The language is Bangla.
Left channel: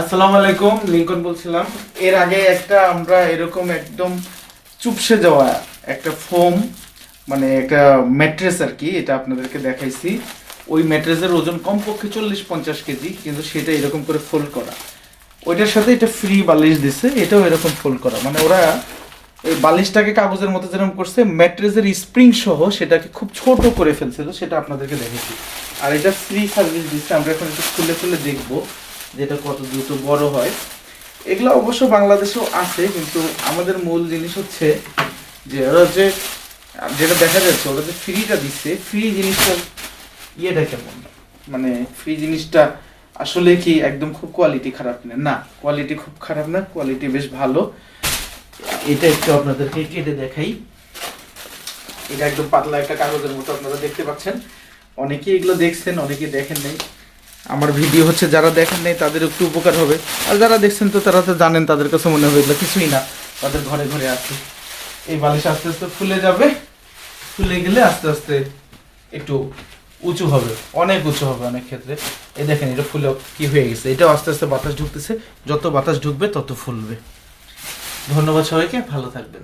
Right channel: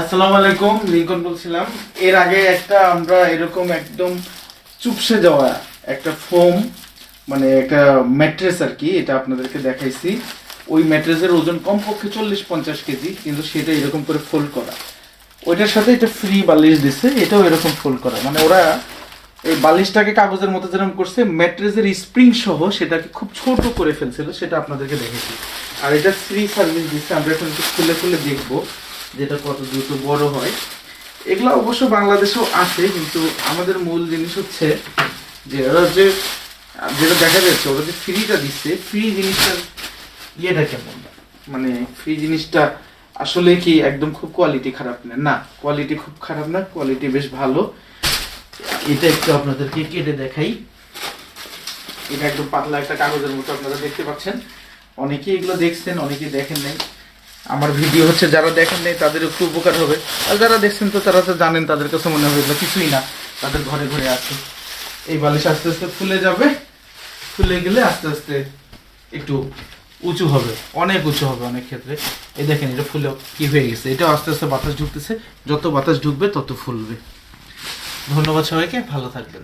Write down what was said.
আসসালামু আলাইকুম, লিংকন বলছিলাম। এর আগে একটা আমরা এরকম একদম চুপসে যাওয়া একটা ফোম, মানে একটা ম্যাট্রেস আর কি, এটা আপনাদেরকে দেখাইছি। ওই ম্যাট্রেসের ওজন কমপক্ষে 40-50 কেজি, কিন্তু সেটা এরকম করে ফোল্ড করা। ওইটার সাথে এটা ফ্রি বালিশ দিছে, এটাও এরকম ফোল্ড করা। মানে ওরা এই বালিশটাকে কাগজের মতো যেরকম করছে, ম্যাট্রেসের স্প্রিং সহ সেটাকে খুব ছোট করে ফেলছিল, সেটা আপনাদেরকে দেখেছি। আর এটা ফ্রি সার্ভিস দিচ্ছে। আমরা এখন একটু খুলে খুলে দেখবো যেটা কত দ্রুত বড় হয়। এগুলো অবশ্য বাংলাদেশেও আছে, কিন্তু আমাদের মূল জিনিস হচ্ছে যে ওরা হচ্ছে যেটা দেখা যাচ্ছে, ওরা যে ফ্রিটা দিচ্ছে, ফ্রি জিনিসটার ইয়েটা কেমন, মানে ফ্রি জিনিসটা আসলে কি একদম খুব কোয়ালিটি খারাপ না? না, কোয়ালিটি খুব খারাপ না, কোয়ালিটি বেশ ভালো। এটা একটু আপনাদেরকে কেটে দেখাই। এটা একদম পাতলা একটা কাগজের মতো আপনারা দেখতে পাচ্ছেন। অনেকেই এগুলো দেখছেন, অনেকেই দেখেন নাই। আমার ভিডিও হচ্ছে যারা দেখেন নাই তাদের একটু উপকার হবে, আর যারা দেখছেন তো তারা তো জানেন, তাদের কাছে মনে হবে কিছুই না, তাদের ঘরে ঘরে আছে। এই বালিশ আস্তে আস্তে ফুলে যাবে, ফুলে গেলে আস্তে আস্তে একটু উঁচু হবে, অনেক উঁচু হবে অনেক ক্ষেত্রে। এই দেখেন এটা ফুলে কি হয়ে গেছে, এটা আস্তে আস্তে বাতাস ঢুকতেছে, যত বাতাস ঢুকবে তত ফুলবে। ধন্যবাদ সবাইকে, ভালো থাকবেন।